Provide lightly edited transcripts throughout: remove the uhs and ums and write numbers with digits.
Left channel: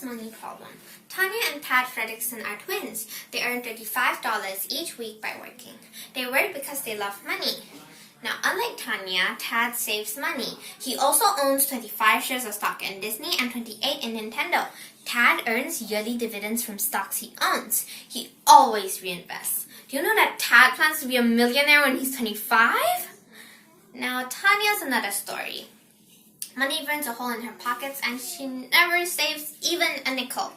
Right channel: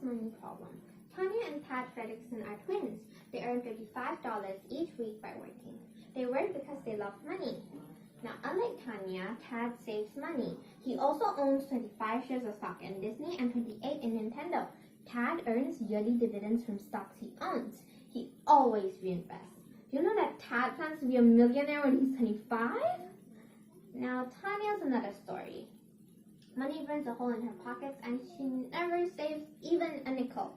Tanya's money problem. Tanya and Tad Fredrickson are twins. They earn $35 each week by working. They work because they love money. Now, unlike Tanya, Tad saves money. He also owns 25 shares of stock in Disney and 28 in Nintendo. Tad earns yearly dividends from stocks he owns. He always reinvests. Do you know that Tad plans to be a millionaire when he's 25? Now, Tanya's another story. Money burns a hole in her pockets and she never saves even a nickel.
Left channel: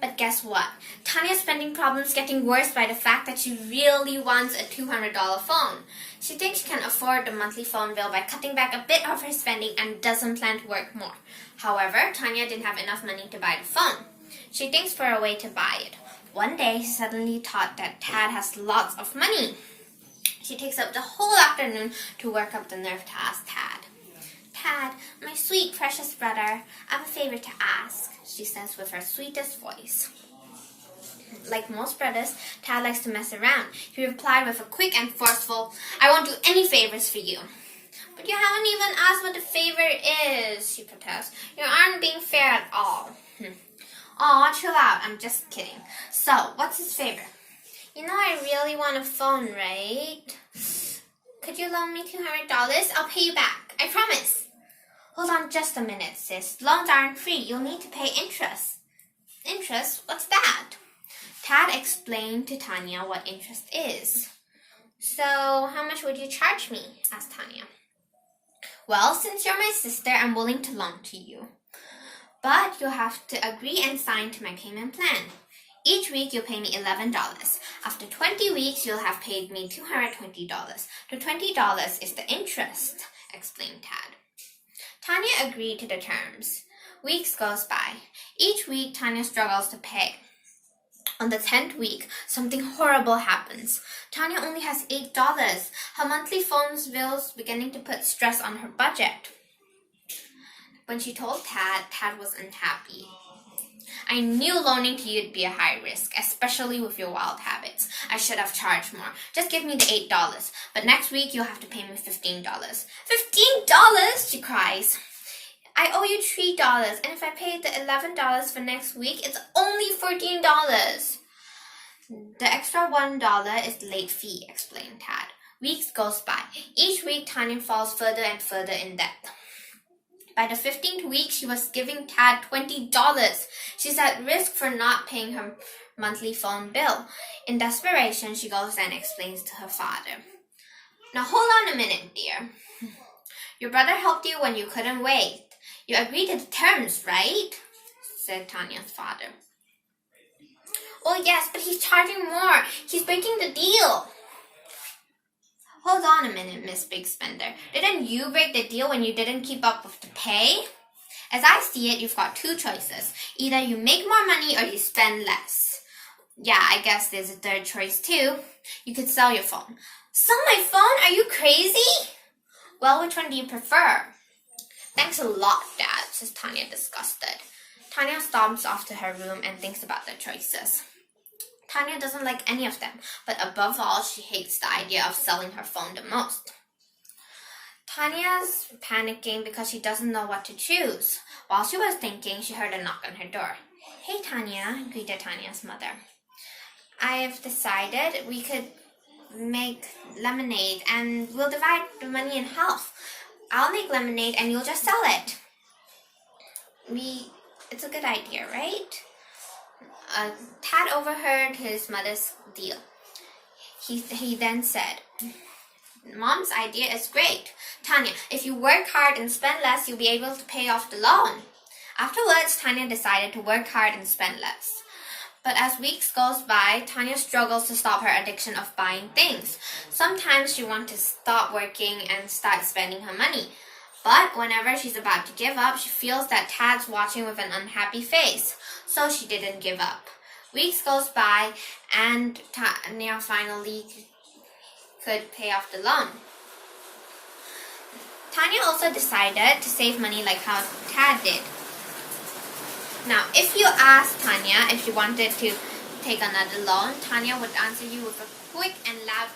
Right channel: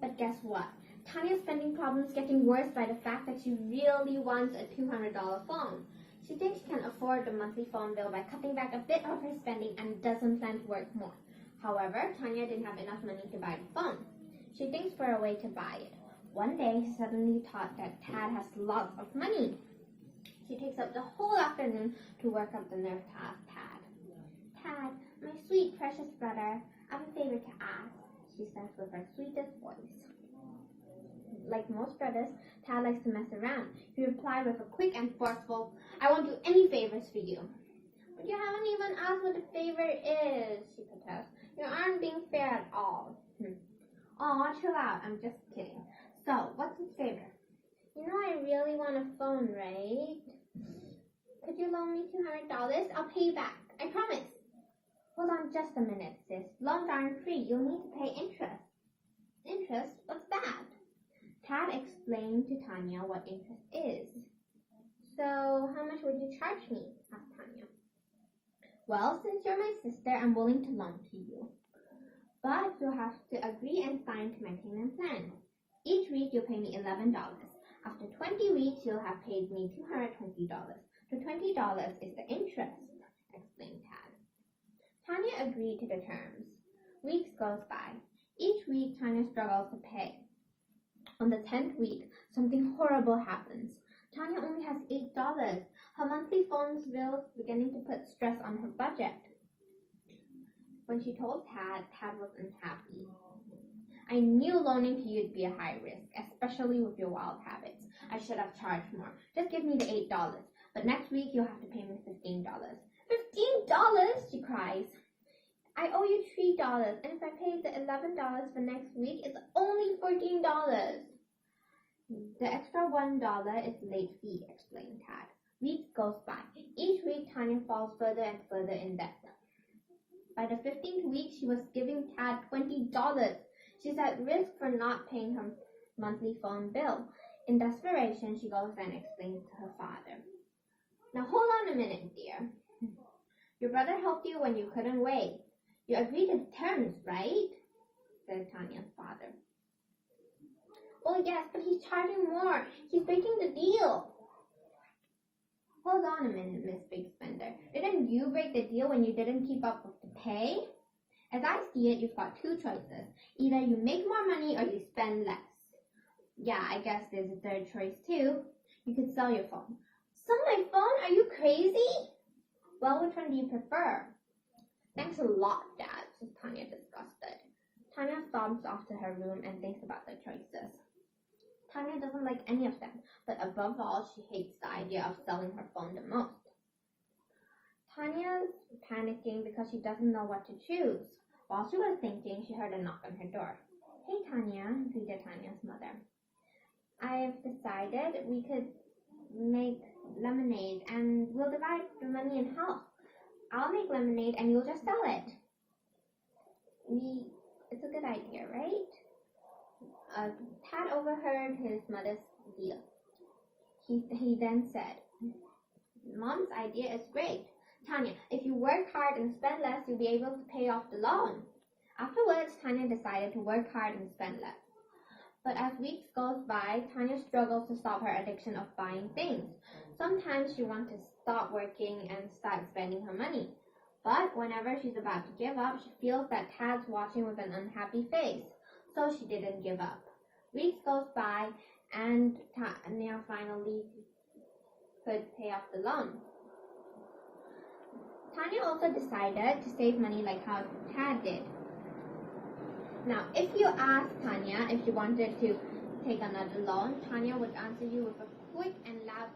But guess what? Tanya's spending problem's getting worse by the fact that she really wants a $200 phone. She thinks she can afford the monthly phone bill by cutting back a bit of her spending and doesn't plan to work more. However, Tanya didn't have enough money to buy the phone. She thinks for a way to buy it. One day, she suddenly thought that Tad has lots of money. She takes up the whole afternoon to work up the nerve to ask Tad. Tad, my sweet, precious brother, I have a favor to ask, she says with her sweetest voice. Like most brothers, Tad likes to mess around. He replied with a quick and forceful, I won't do any favors for you. But you haven't even asked what the favor is, she protests. You aren't being fair at all. Aw, chill out, I'm just kidding. So, what's his favor? You know I really want a phone, right? Could you loan me $200? I'll pay you back, I promise. Hold on just a minute, sis. Loans aren't free. You'll need to pay interest. Interest? What's that? Tad explained to Tanya what interest is. So, how much would you charge me? Asked Tanya. Well, since you're my sister, I'm willing to loan to you. But you'll have to agree and sign to my payment plan. Each week, you'll pay me $11. After 20 weeks, you'll have paid me $220. The $20 is the interest, explained Tad. Tanya agreed to the terms. Weeks goes by. Each week, Tanya struggles to pay. On the 10th week, something horrible happens. Tanya only has $8. Her monthly phone bill's beginning to put stress on her budget. When she told Tad, Tad was unhappy. I knew loaning to you would be a high risk, especially with your wild habits. I should have charged more. Just give me the $8. But next week, you'll have to pay me $15. $15? She cries. I owe you $3, and if I pay the $11 for next week, it's only $14. The extra $1 is late fee, explained Tad. Weeks goes by. Each week, Tanya falls further and further in debt. By the 15th week, she was giving Tad $20. She's at risk for not paying her monthly phone bill. In desperation, she goes and explains to her father. Now hold on a minute, dear. Your brother helped you when you couldn't wait. You agreed to the terms, right? Said Tanya's father. Oh yes, but he's charging more. He's breaking the deal. Hold on a minute, Miss Big Spender. Didn't you break the deal when you didn't keep up with the pay? As I see it, you've got two choices. Either you make more money or you spend less. Yeah, I guess there's a third choice too. You could sell your phone. Sell my phone? Are you crazy? Well, which one do you prefer? Thanks a lot, Dad, says Tanya, disgusted. Tanya stomps off to her room and thinks about the choices. Tanya doesn't like any of them, but above all, she hates the idea of selling her phone the most. Tanya's panicking because she doesn't know what to choose. While she was thinking, she heard a knock on her door. Hey, Tanya, greeted Tanya's mother. I've decided we could make lemonade and we'll divide the money in half. I'll make lemonade and you'll just sell it. It's a good idea, right? Tad overheard his mother's deal. He then said, Mom's idea is great. Tanya, if you work hard and spend less, you'll be able to pay off the loan. Afterwards, Tanya decided to work hard and spend less. But as weeks goes by, Tanya struggles to stop her addiction of buying things. Sometimes she wants to stop working and start spending her money. But whenever she's about to give up, she feels that Tad's watching with an unhappy face. So she didn't give up. Weeks goes by and Tanya finally could pay off the loan. Tanya also decided to save money like how Tad did. Now, if you asked Tanya if she wanted to take another loan, Tanya would answer you with a quick and loud